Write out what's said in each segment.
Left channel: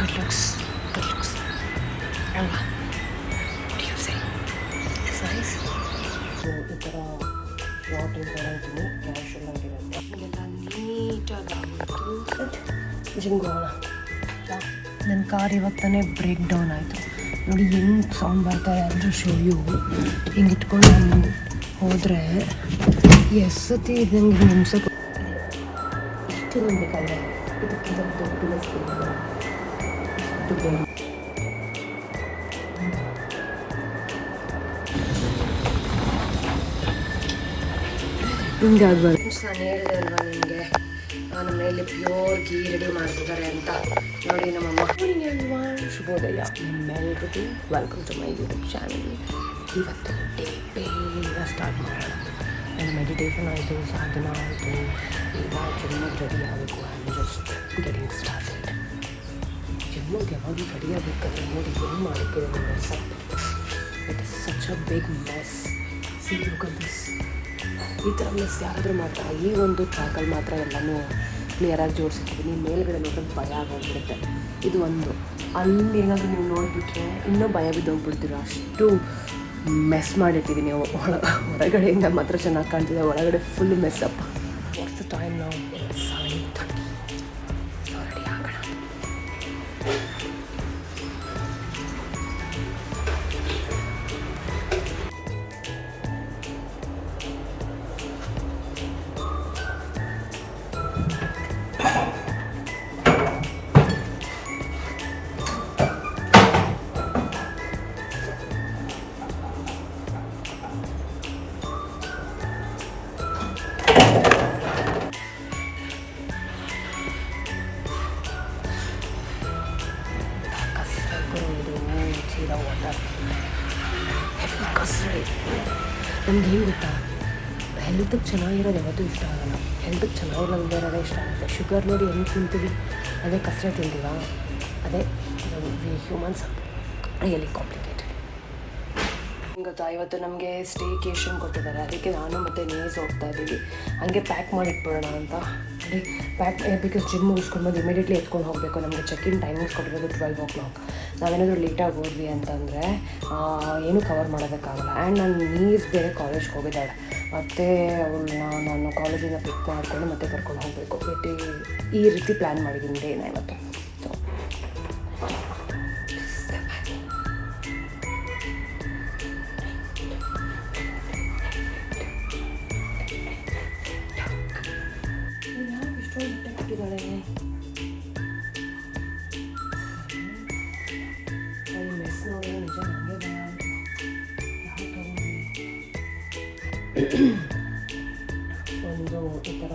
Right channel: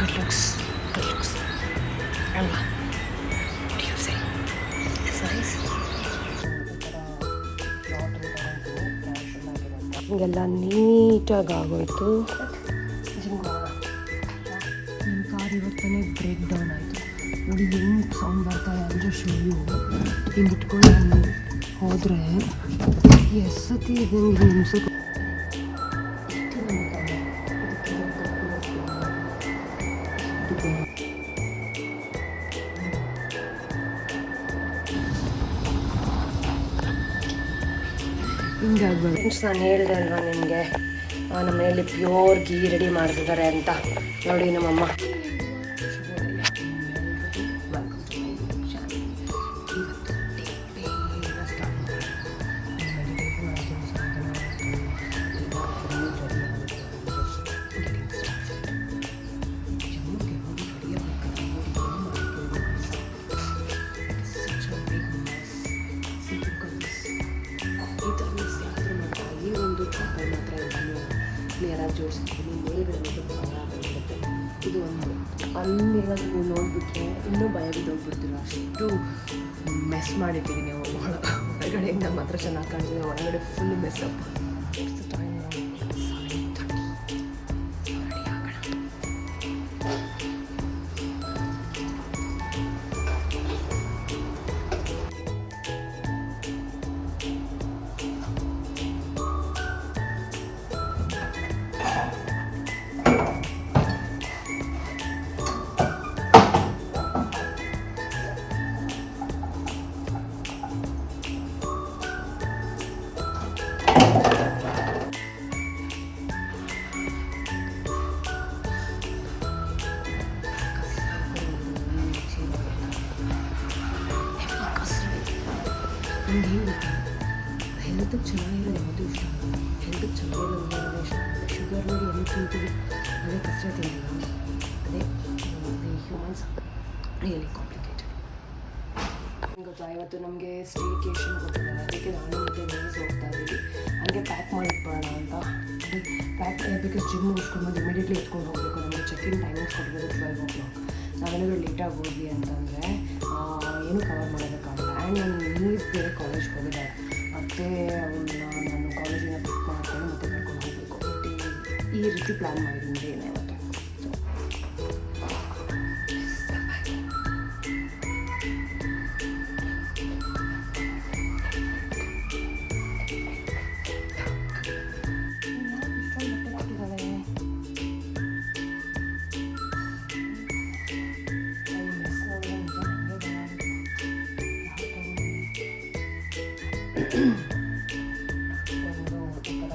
Good looks. Good looks. ಅಲ್ವಾ? What do you say? It's nice. ಹಿಂಗೆಲ್ಲ ನೀಟಾಗಿ ಆಗೋಯ್ತು. ಜಿಮ್ಗೆ ಹೋಗೋಣ. ನನ್ನ ಕಾರ್ ಇವಾಗ ತಾನೇ ಬ್ರೇಕ್ ಡೌನ್ ಆಯಿತು. ನೋಡಿ ಹೆಂಗೆ ಸೌಂಡ್ ಬರ್ತಾರೆ ಅಂದರೆ ಶೋಯು ಹಿಂಗೆ ಇಟ್ಕೊಂಡು ನಾನು ಹೋದರೆ ಎಷ್ಟೊತ್ತಿ ಇದಂಗೆ ನಿಮ್ಸೋಕೆ ಇಷ್ಟು ನಂಬಿಕಲ್ಲ ಇದಕ್ಕಿಂತ ದೊಡ್ಡ ಹಿಂಗೆ ಆಗ್ಬಾರ್ದು. ನಾನು ಹೇಳಿದೆ ಅಲ್ವಾ ನಿಮಗೆ ನಮ್ಮ ಮನೆಯಲ್ಲಿ ಪ್ಯೂರ್ ಗೀ ರೆಡಿ ಮಾಡ್ತಿದ್ದಾರೆ ಅಂತ. ನೋಡಿ ನಮ್ಮಮ್ಮ ಶುಭೋದಯ ನಿಮ್ಮೆಲ್ರಿಗೂ welcome to my YouTube channel. ಇವತ್ತು ಡೇ ಬೇಗ ಸ್ಟಾರ್ಟ್ ಮಾಡೋಣ. ನನ್ನ ಮೆಡಿಟೇಷನ್ ಆಯಿತು, ಸಾಧನ ಆಯಿತು, ಈಗ ಜಸ್ಟ್ ಗೆಟಿಂಗ್ ಸ್ಟಾರ್ಟೆಡ್. ಜಿಮ್ಮಿಗೆ ಯಾವಾಗಲೂ ರೆಡಿ ಆಗಬೇಕಂತ ನೋಡಿ ಏನು ಮಾಡೋಕ್ಕೆ mess it is such a big mess. See look at this. ಈ ಥರ ಮಿಸ್ ಯಾರಾದರೂ ಮಾಡ್ತಾರೆ. ಈ ಒಂದು ಟ್ರ್ಯಾಕಲ್ಲಿ ಮಾತ್ರ ಎಲ್ಲನೂ ಕ್ಲಿಯರಾಗಿ ಜೋಡಿಸಿರ್ತೀನಿ. ಮೇಲ್ಗಡೆ ಮಾತ್ರ ಭಯ ಆಗೋಗ್ಬಿಡುತ್ತೆ. ಇದು ಒಂದು ಅಲ್ಲೇನಾದರೂ ನೀವು ನೋಡಿಬಿಟ್ರೆ ಇನ್ನೂ ಭಯ ಬಿದ್ದೋಗ್ಬಿಡ್ತೀರ. ಅಷ್ಟು ಮೆಸ್ ಮಾಡಿಟ್ಟಿದ್ದೀನಿ. ಹೊರಗಡೆಯಿಂದ ಮಾತ್ರ ಚೆನ್ನಾಗಿ ಕಾಣ್ತಿದೆ, ಒಳಗಡೆ ಫುಲ್ ಮೆಸ್ ಅಪ್ಪ. ವಾಟ್ಸ್ ದ ಟೈಮ್ ನಾವು 7:30. ಸೊ ರೆಡಿ ಆಗೋಣ. ನಮ್ಗೆ ಹೆಂಗೆ ಗೊತ್ತಾ, ಹೆಲ್ತಿಗೆ ಚೆನ್ನಾಗಿರೋದು ಯಾವತ್ತೂ ಇಷ್ಟ ಆಗಲ್ಲ. ಹೆಲ್ತಿಗೆ ಚೆನ್ನಾಗಿರೋದು ಇಷ್ಟ ಆಗುತ್ತೆ. ಶುಗರ್ ನೋಡಿ ಹೆಂಗೆ ತಿಂತೀವಿ, ಅದೇ ಕಸರೆ ತಿಂತೀವ, ಅದೇ ಹ್ಯೂಮನ್ಸ್ ರಿಯಲಿ ಕಾಂಪ್ಲಿಕೇಟೆಡ್. ಗೊತ್ತಾ, ಇವತ್ತು ನಮಗೆ ಸ್ಟೇಕೇಷನ್ ಕೊಟ್ಟಿದ್ದಾರೆ. ಅದಕ್ಕೆ ನಾನು ಮತ್ತು ನೇಸ್ ಹೋಗ್ತಾ ಇದ್ದೀವಿ. ಹಂಗೆ ಪ್ಯಾಕ್ ಮಾಡಿಟ್ಬಿಡೋಣ ಅಂತ. ನೋಡಿ ಪ್ಯಾಕ್ ಬಿಕಾಸ್ ಜಿಮ್ ಮುಗಿಸ್ಕೊಂಡು ಬಂದು ಇಮಿಡಿಯೇಟ್ಲಿ ಎತ್ಕೊಂಡು ಹೋಗಬೇಕು. ನಮಗೆ ಚೆಕ್-ಇನ್ ಟೈಮಿಂಗ್ಸ್ ಕೊಟ್ಟಿರೋದು 12 o'clock. ನಾವೇನಾದರೂ ಲೇಟಾಗಿ ಹೋದ್ವಿ ಅಂತಂದರೆ ಏನೂ ಕವರ್ ಮಾಡೋದಕ್ಕಾಗಲ್ಲ. ಆ್ಯಂಡ್ ನಾನು ನೀಸ್ ಬೇರೆ ಕಾಲೇಜ್ಗೆ ಹೋಗಿದ್ದಾಳೆ. ಮತ್ತು ಅವಳನ್ನ ನಾನು ಕಾಲೇಜಿಂದ ಪಿಕ್ ಮಾಡಿಕೊಂಡು ಮತ್ತೆ ಕರ್ಕೊಂಡು ಹೋಗಬೇಕು. ಮತ್ತು ಈ ರೀತಿ ಪ್ಲ್ಯಾನ್ ಮಾಡಿದ್ದೀನಿ ಡೇನ ಇವತ್ತು. ಸೊ ಇಷ್ಟೊಂದು ಬಟ್ಟೆ ಕೊಟ್ಟಿದ್ದಾಳೆ. ಒಂದು ಈ ಥರ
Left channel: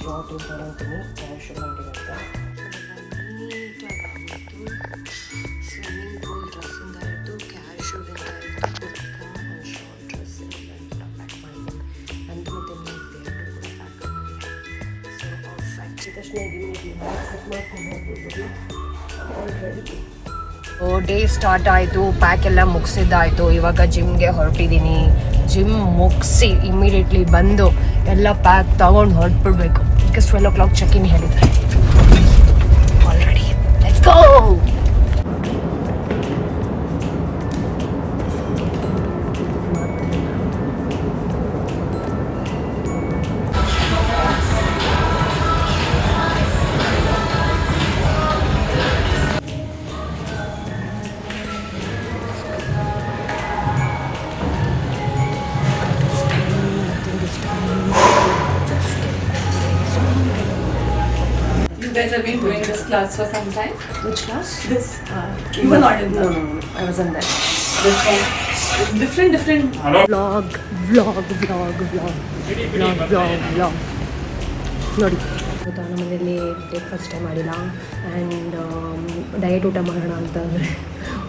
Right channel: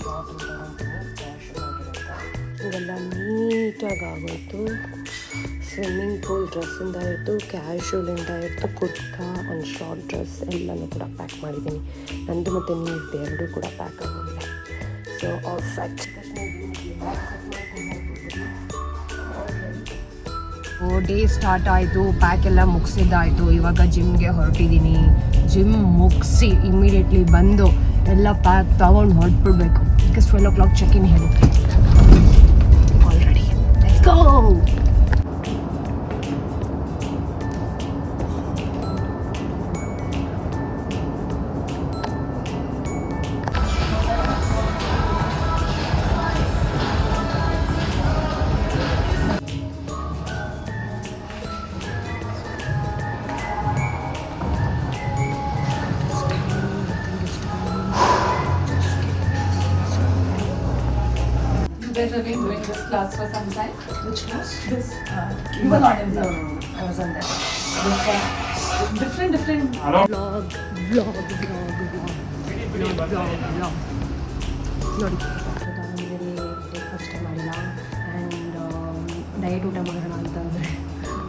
ಶಾರ್ಟ್ ಬರೋದು ಕ್ಯಾಶುವಲ್ ಆಗಿರುತ್ತೆ. ಇವೆಲ್ಲ ನೀಟಾಗಿ ಆಗೋಯ್ತು. ಸ್ವಿಮ್ಮಿಂಗ್ ಪೂಲ್ ಡ್ರೆಸ್ಸಿಂದ ಹಿಡಿದು ಕ್ಯಾಶುವಲಿಂದ ಹಿಡಿದು ಕುರ್ತಾ ಆ್ಯಂಡ್ ಶಾರ್ಟ್ ಡ್ರೆಸ್ ಎಲ್ಲನೂ ಕೂಡ ಪ್ಯಾಕ್ ಮಾಡಿದ್ದೀನಿ. ನಂದು ಮತ್ತು ನೀರ್ದು ಎರಡೂ ಕೂಡ ಪ್ಯಾಕ್ ಆಗೋಗಿದೆ. So all set. ತಕ್ಷಣ ಡೇ ಸ್ಟಾರ್ಟ್ ಆಯಿತು. ಪ್ಯಾಕ್ ಎಲ್ಲ ಮುಗಿಸಿದ್ದಾಯಿತು. ಇವಾಗ ಜಿಮ್ಗೆ ಹೊರಟಿದ್ದೀನಿ. ಜಿಮ್ ಮುಗಿಸಿ ಇಮ್ಮಿಡಿಯೇಟ್ಲಿ ಬಂದು ಎಲ್ಲ ಪ್ಯಾಕ್ ತೊಗೊಂಡು ಹೊರಟ್ಬಿಡ್ಬೇಕು. ಬಿಕಾಸ್ 12 o'clock ಚೆಕ್-ಇನ್ ಹೇಳಿದ್ದಾರೆ. Already let's go. You guys have been doing this class for some time? Which class? This. You were not in that. No. I was on that. This one. It's different. Vlog. ನೋಡಿ ಗೊತ್ತಾ, ನಮ್ಮ ಮನೆಯಲ್ಲಿ ಬ್ರೇಕ್ಫಾಸ್ಟೇ ಮಾಡಿಲ್ಲ. And diet ಊಟ ಮಾಡೋಣ ಅಂತಂದರೆ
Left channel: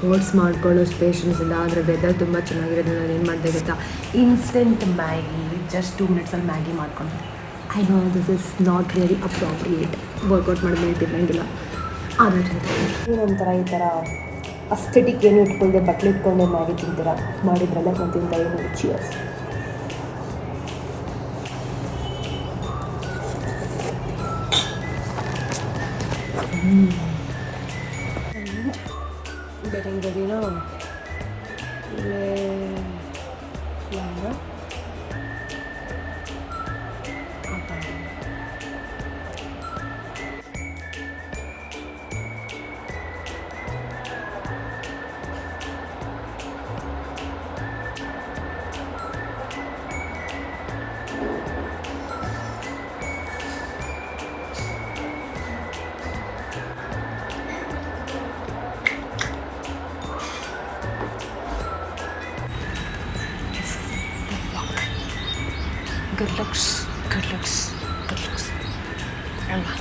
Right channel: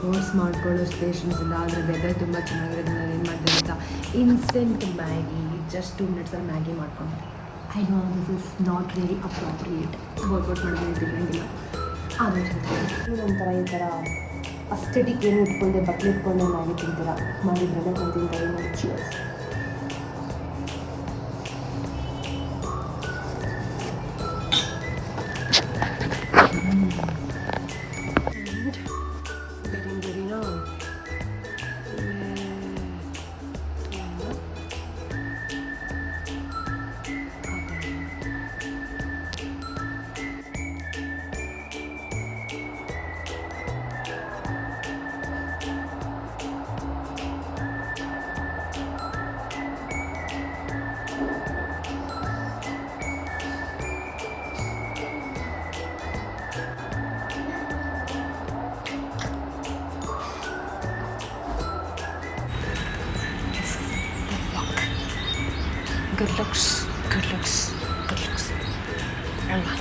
oats ಮಾಡ್ಕೊಳ್ಳೋಷ್ಟು patience ಇಲ್ಲ. ಆದರೆ ವೆದರ್ ತುಂಬ ಚೆನ್ನಾಗಿರೋದು. ನಾನು ಏನು ಮಾಡಿದೆ ಗೊತ್ತಾ, ಇನ್ಸ್ಟೆಂಟ್ ಮ್ಯಾಗಿ, ಜಸ್ಟ್ 2 minutesಲ್ಲಿ ಮ್ಯಾಗಿ ಮಾಡ್ಕೊಂಡು. I know this is not really appropriate. Workout ಮಾಡಿದ್ರೆ ತಿನ್ನಂಗಿಲ್ಲ. ಆದರೆ ನಂತರ ಈ ಥರ ಅಸ್ಥೆಟಿಕ್ ಏನು ಇಟ್ಕೊಳ್ದೆ ಬಟ್ಲು ಇಟ್ಕೊಂಡೆ ಮ್ಯಾಗಿ ತಿಂತೀರಾ ಮಾಡಿದ್ರಲ್ಲ, ನಾನು ತಿಂತ ಏನು ಚಿಯರ್ಸ್. ಗಡಿನಾ ಇಲ್ಲೇ ಒಂದು good looks ಅಲ್ವಾ.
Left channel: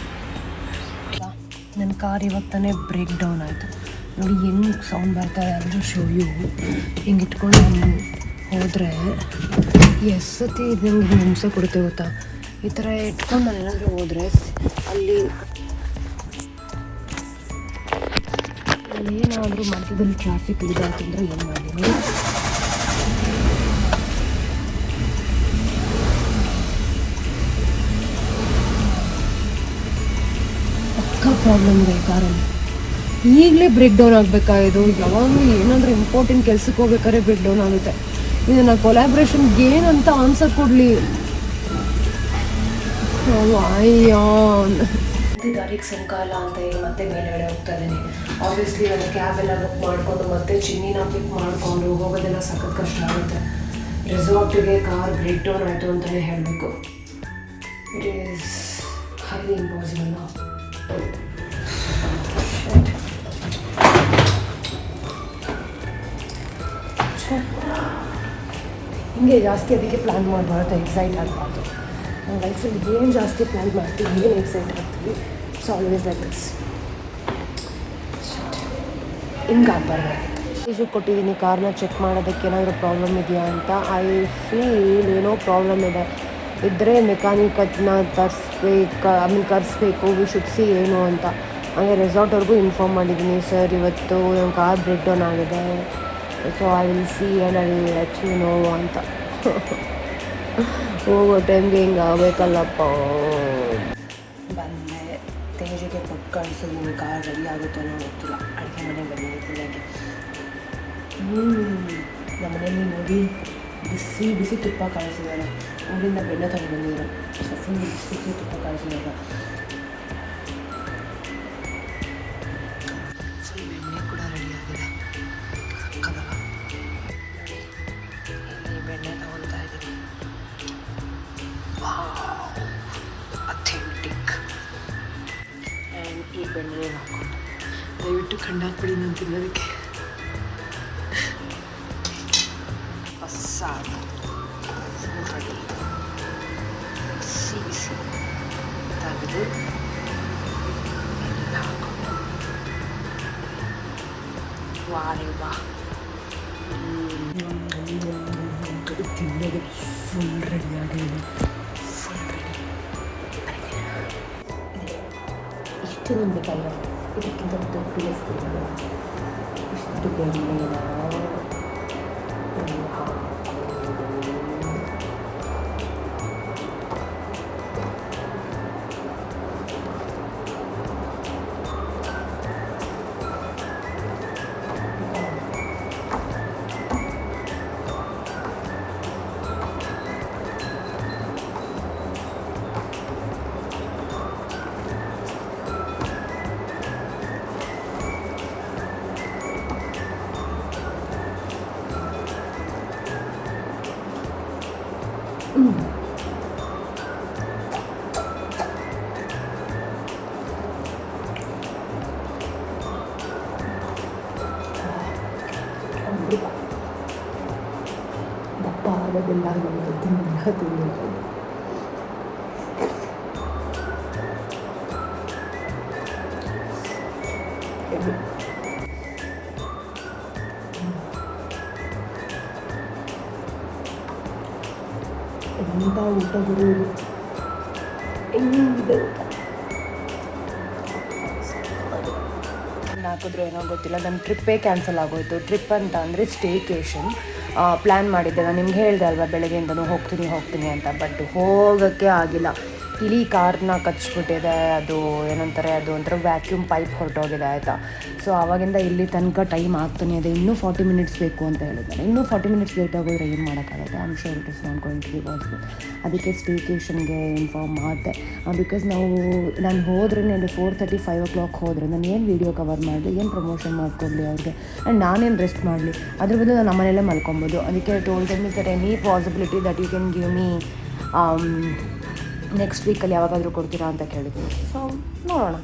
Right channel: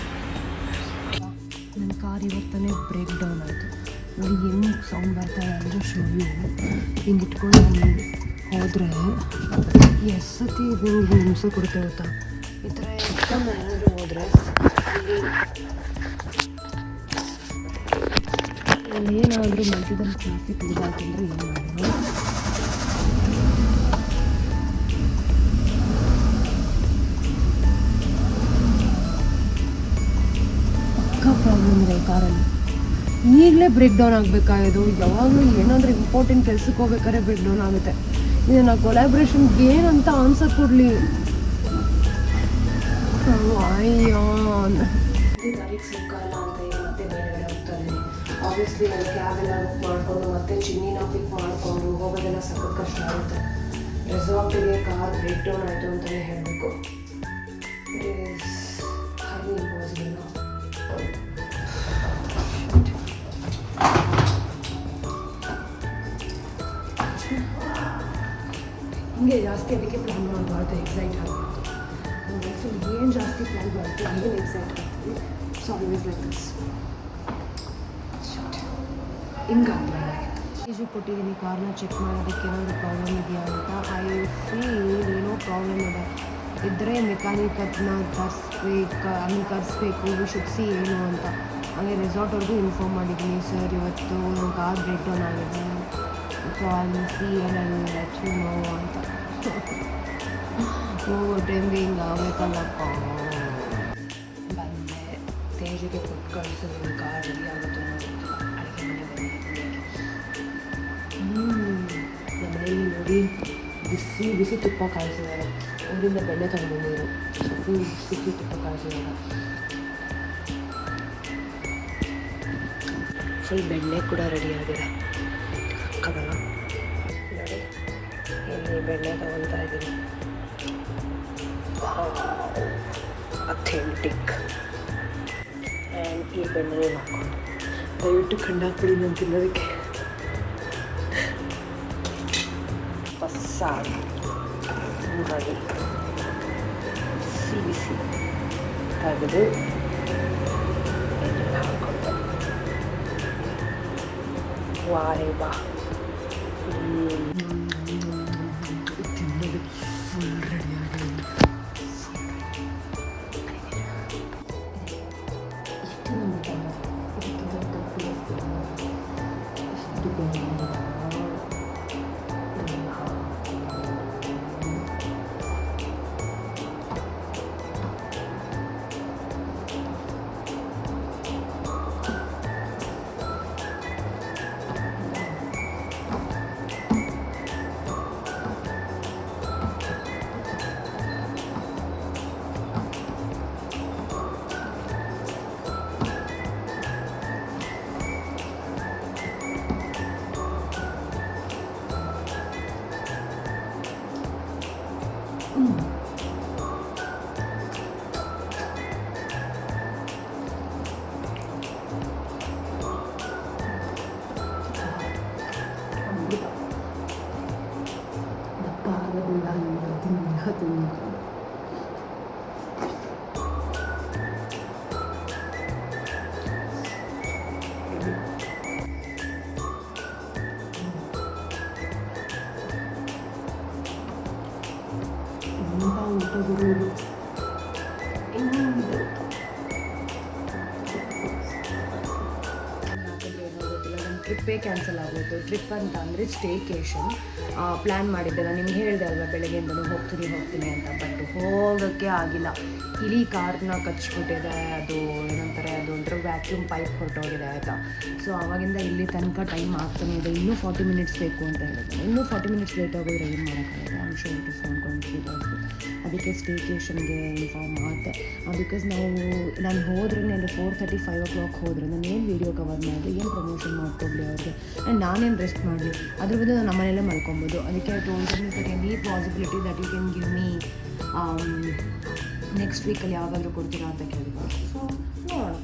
ನನ್ನ ಕಾರ್ ಇವಾಗ ತಾನೇ ಬ್ರೇಕ್ ಡೌನ್ ಆಯಿತು ನೋಡಿ, ಹೆಂಗೆ ಸೌಂಡ್ ಬರ್ತಾ ಎಲ್ಲರೂ ಶೋಯು ಹಿಂಗೆ ಇಟ್ಕೊಂಡು ನಾನು ಹೋದರೆ ಎಷ್ಟು ಸತಿ ಇದು ಹಿಂಗೆ ಹಿಂಸೆ ಕೊಡುತ್ತೆ ಗೊತ್ತಾ. ಈ ಥರ ಇಟ್ಕೊಂಡು ನಾನು ಏನಾದರೂ ಹೋದರೆ ಅಲ್ಲಿ ಏನಾದರೂ ಮಧ್ಯದಲ್ಲಿ ಟ್ರಾಫಿಕ್ ಇದಾಯ್ತಂದ್ರೆ ಏನು ಮಾಡಿದ್ದೀನಿ. ಪ್ರಾಬ್ಲಮ್ ಇದೆ ಈ ಕಾರಲ್ಲಿ. ಈಗಲೇ ಬ್ರೇಕ್ ಡೌನ್ ಆಗಬೇಕಾಗಿದ್ದು, ಯಾವಾಗಲೂ ಏನಾದರೂ ಇಂಪಾರ್ಟೆಂಟ್ ಕೆಲ್ಸಕ್ಕೆ ಹೋಗ್ಬೇಕಾದ್ರೆ ಬ್ರೇಕ್ ಡೌನ್ ಆಗುತ್ತೆ. ಇದನ್ನು ಕೊಲಾಬ್ರೇಷನ್ಗೆ ಏನಂತ ಆನ್ಸರ್ ಕೊಡಲಿ. ಗಾಡಿಗೆ ಸಂಕಾಲ ಅಂತ ಹೇಳಿ ಮತ್ತೆ ಮೇಲ್ಗಡೆ ಹೋಗ್ತಾ ಇದ್ದೀನಿ. ಆಬ್ವಿಯಸ್ಲಿ ಅದು ಕ್ಯಾಬೆಲ್ಲ ಬುಕ್ ಮಾಡಿಕೊಂಡು ಮತ್ತೆ ಚಿನ್ನಿನ ಪಿಕ್ ಮಾಡಿಕೊಂಡು ಹೋಗೋದೆಲ್ಲ ಸಖತ್ ಕಷ್ಟ ಆಗುತ್ತೆ. ರೆಸಾರ್ಟಿಗೆ ಕಾರ್ ಬ್ರೇಕ್ ಡೌನ್ ಆಯಿತು ಅಂತಲೇ ಹೇಳಬೇಕು. It is highly impossible. ಹಿಂಗೆ ಜಾಸ್ತಿ ಅದಕ್ಕೆ ಪ್ಲ್ಯಾನ್ ಮಾಡಬಾರ್ದು, ಎಕ್ಸೈಟ್ ಆಗಬಾರ್ದು. ನಮ್ಮ ಲೈಫಲ್ಲಿ ಏನು ಜಾಸ್ತಿ ಪ್ಲ್ಯಾನ್ ಮಾಡ್ತೀವಿ, ಏನು ಎಕ್ಸೈಟ್ ಆಗ್ತೀವಿ, ಇಟ್ಸ್ ಆಲ್ವೇಸ್ ಲೈಕ್ ದಿಸ್. ಹಿಂಗೆ ಆಗಬಾರ್ದು. ಕೊಟ್ಟಿದ್ದೀನಿ ಕಾರ್ನ ಚೆಕ್ ಮಾಡೋದಕ್ಕೆ ಏನಾದರೂ ಪ್ರಾಬ್ಲಮ್ ಇದೆಯಾ ಅಂತ. ಐ ಫೀಲ್ ಏನೋ ಪ್ರಾಬ್ಲಮ್ ಇದ್ದರೆ ಮೆಕ್ಯಾನಿಕ್ ಅದನ್ನ ಕರೆಸ್ಬೇಕು, ವಿ ಶುಡ್ ಸಿ ಏನು ಅಂತ. ಹಾಗೆ ರೆಸಾರ್ಟ್ವರೆಗೂ ಇನ್ಫಾರ್ಮ್ ಮಾಡಿದ್ದೀನಿ, ಸರ್ ಇವತ್ತು ನಮ್ಮ ಕಾರ್ ಬ್ರೇಕ್ ಡೌನ್ ಆಗಿದೆ, so I will see and I will let you know ಅಂತ. ಹೋಗೋ ಟೈಮ್ಗೆ ಹಿಂಗೆ ಆಗಬೇಕಲ್ಲಪ್ಪ. ಬಂದೆ, ತೇಜಿಗೆ ಕೊಟ್ಟು ಕಳಿಸಿದ್ದೀನಿ. ಕಾರ್ ರೆಡಿ ಆಗುತ್ತೋ ಗೊತ್ತಿಲ್ಲ. ಅಡುಗೆ ಮನೆಗೆ ಬಂದಿದ್ದೀನಿ. ನಮ್ಮ ಮನೆಯಲ್ಲಿ ನೋಡಿ ಬಿಸಿ ತುಪ್ಪ ಕಾಯಿಸಿದ್ದಾರೆ. ಊರಿಂದ ಬೆಣ್ಣೆ ತಂದು ಬಂದಿದ್ರು. ಸೊ ಫುಲ್ ಬಿಸಿ ತುಪ್ಪ ಕಾಯಿಸಿದಾಗ ಫುಲ್ ಬೆಣ್ಣೆ ಕೂಡ ರೆಡಿ ಆಗಿದೆ. ಸಕ್ಕದಲ್ಲ ನೋಡಿ, ಇಲ್ಲಿ ಬೆಣ್ಣೆ ತಗೊಳ್ತಾ ಇದ್ದೀನಿ. ಅಥೆಂಟಿಕ್. ಆ್ಯಂಡ್ ಈ ಬೆಣ್ಣೆ ಹಾಕ್ಕೊಂಡು ದಯವಿಟ್ಟು ಕಂಡಾಕ್ಬಿಡಿ ನಾನು ತಿನ್ನೋದಕ್ಕೆ. ಬಸ್ಸಾಗಿ ರೆಡಿ. ಬಿಸಿ ತೆಗೆದು ಎಲ್ಲ ಹಾಕ್ಕೊಂಡು ವಾರೇ ವಾ. ತಿನ್ನೋದು ಫುಲ್ ರೆಡಿಯಾಗಿದೆ. ಇಷ್ಟು ನಂಬಿಕಲ್ಲ, ಇದಕ್ಕಿಂತ ದೊಡ್ಡ ಇಷ್ಟು ಬೆಣ್ಣೆನ ಅಮೃತ. ದಪ್ಪ ಆಗೋದಿಲ್ಲ, ನಮಗೆ ತಿನ್ನಲ್ಲ ತಿನ್ನಿಲ್ಲ. ಎಂಥ ಊಟ ಬರುವುದು, ಹೆಂಗಿದೆ ಊಟ. ಹಾಕಿದ್ರು ಏನೋ ಗೊತ್ತಿಲ್ಲ, ನನ್ನ ಟ್ರಿಪ್ಪೇ ಕ್ಯಾನ್ಸಲ್ ಆಗೋಯ್ತು. ಟ್ರಿಪ್ ಅಂತ ಅಂದರೆ ಸ್ಟೇಕೇಷನ್ ಪ್ಲ್ಯಾನ್ ಮಾಡಿದ್ದೆ. ನಾನು ನಿಮ್ಗೆ ಹೇಳಿದೆ ಅಲ್ವಾ ಬೆಳಗ್ಗೆಯಿಂದನೂ ಹೋಗ್ತೀನಿ ಅಂತ, ಬಟ್ ಹೋಗೋಕ್ಕೆ ಆಗಿಲ್ಲ. ಇಡೀ ಕಾರ್ನ ಕಚ್ಬಿಟ್ಟಿದೆ. ಅದು ಏನಂತಾರೆ, ಅದು ಒಂಥರ ವ್ಯಾಕ್ಯೂಮ್ ಪೈಪ್ ಹೊರಟೋಗಿದೆ ಆಯಿತಾ. ಸೊ ಆವಾಗಿಂದ ಇಲ್ಲಿ ತನಕ ಟೈಮ್ ಆಗ್ತಾನೆ ಇದೆ. ಇನ್ನೂ 40 ಮಿನಿಟ್ಸ್ ಬೇಕು ಅಂತ ಹೇಳಿದ್ದಾರೆ. ಇನ್ನೂ 40 ಮಿನಿಟ್ಸ್ ಲೇಟ್ ಆಗೋದ್ರೆ ಏನು ಮಾಡೋಕ್ಕಾಗುತ್ತೆ. I am sure it is not going to be possible. ಅದಕ್ಕೆ ಸ್ಟೇಕೇಷನ್ಗೆ ಇನ್ಫಾರ್ಮ್ ಮಾಡಿದೆ. ಬಿಕಾಸ್ ನಾನು ಹೋದ್ರೆ 4:30 5 o'clock ಹೋದರೆ ನಾನು ಏನು ವೀಡಿಯೋ ಕವರ್ ಮಾಡಲಿ, ಏನು ಪ್ರಮೋಷನ್ ಮಾಡ್ಕೊಡ್ಲಿ ಅವ್ರಿಗೆ, ಆ್ಯಂಡ್ ನಾನೇನು ರೆಸ್ಟ್ ಮಾಡಲಿ. ಅದ್ರ ಬದಲು ನಾನು ನಮ್ಮನೆಯಲ್ಲೇ ಮಲ್ಕೊಬೋದು. ಅದಕ್ಕೆ told them is that any possibility that you can give me next ವೀಕಲ್ಲಿ ಯಾವಾಗಾದರೂ ಕೊಡ್ತೀರಾ ಅಂತ ಕೇಳಿದ್ದೀನಿ. ಸೊ ನೋಡೋಣ.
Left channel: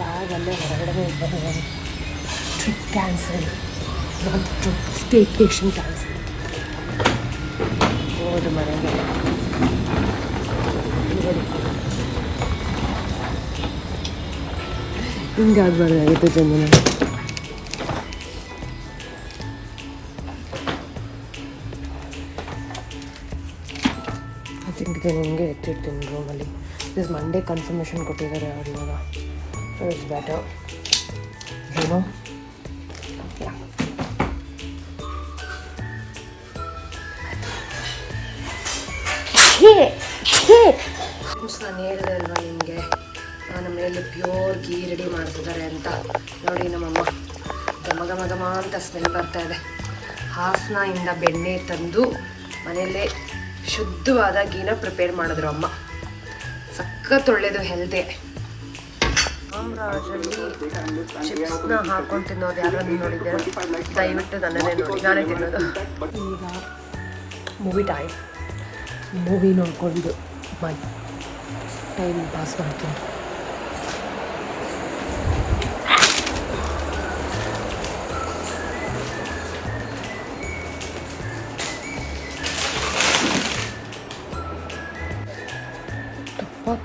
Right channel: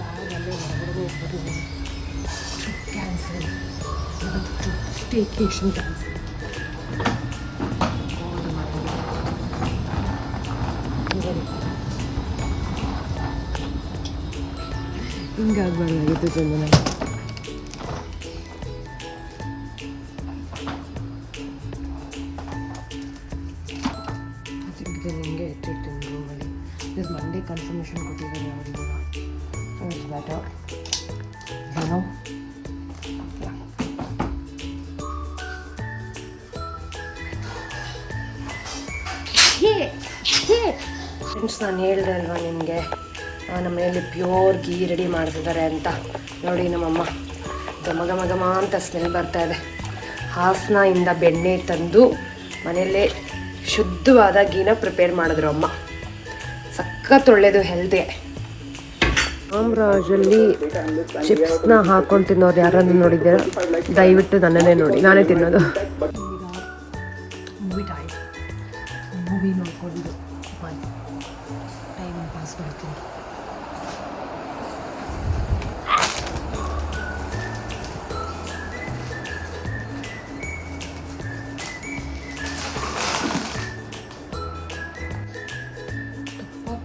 ಬ್ಯಾಗಲ್ಲೇ ಹೊರಗಡೆ ಬಂದಿದ್ದೀನಿ. Trip cancel, staycation cancel. ಹೋದು ಮನೆಗೆ. ಹಿಂಗಾಗಬಾರ್ದಾಗಿತ್ತು ಜನ. ನಿಮಗೆ ಎತ್ತಿರ್ತೀನಿ ರೂಮಲ್ಲಿ. ದಿಸ್ ಮಂಡೇ ಕನ್ಫರ್ಮೇಷನ್ ಕೊಟ್ಟಿದ್ದಾರೆ ಅವ್ರು ಇವಾಗ. ಸೊ ಇಟ್ಸ್ ಬೆಟರ್ ಏನೋ. ಫ್ರೆಂಡ್ಸ್, ನಾನು ಹೇಳಿದೆ ಅಲ್ವಾ ನಿಮಗೆ, ನಮ್ಮ ಮನೆಯಲ್ಲಿ ಪ್ಯೂರ್ ಗೀ ರೆಡಿ ಮಾಡ್ತಿದ್ದಾರೆ ಅಂತ. ನೋಡಿ ನಮ್ಮಮ್ಮ ಘಮ ಅಂತ ಸ್ಮೆಲ್ ಬರ್ತಾ ಇದೆ. ಹಾಸನದಿಂದ ಬೆಣ್ಣೆ ತಂದು ಮನೆಯಲ್ಲೇ ಶುದ್ಧವಾದ ಗೀನ ಪ್ರಿಪೇರ್ ಮಾಡಿದ್ರು ಅಮ್ಮ. ಸಖತ್ ಒಳ್ಳೆಯದು ಹೆಲ್ತ್ಗೆ. ರಾಮರಾಜಲ್ಲಿ ಚಿಪ್ಸ್ನ ಹಾಕೊಂಡು ತಿನ್ನೋರು ಯಾರನ್ನು ನೋಡಿದ್ದೀರ? ದಯವಿಟ್ಟು ನನ್ನನ್ನೇ ನೋಡಿ, ನಾನೇ ತಿನ್ನೋದು. Movie time. ಮೂವಿ ನೋಡ್ಕೊಂಡು ಟೈಮ್ ಪಾಸ್ ಮಾಡ್ತೀನಿ.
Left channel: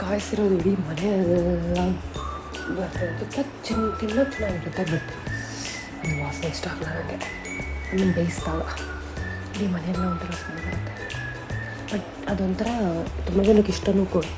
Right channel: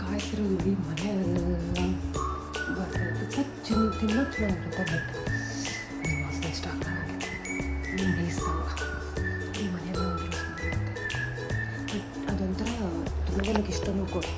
ಕಾಯಿಸಿರೋದು ಇಡೀ ಮನೆಯೆಲ್ಲ ಬರ್ತದೆ. ತುಪ್ಪ ತಿನ್ನೋದು ಚೆನ್ನಾಗಿರುತ್ತೆ, ಬಟ್ ಅದು ವಾಸನೆ ಇಷ್ಟ ಆಗಲ್ಲ ನನಗೆ. ಬೇಯಿಸಿದಾಗ ಇಡೀ ಮನೆಯೆಲ್ಲ ಒಂಥರ ಸ್ಮೆಲ್ ಬರುತ್ತೆ. ಬಟ್ ಅದೊಂಥರ ತುಂಬ ಜನಕ್ಕೆ ಇಷ್ಟನೂ ಕೊಡು.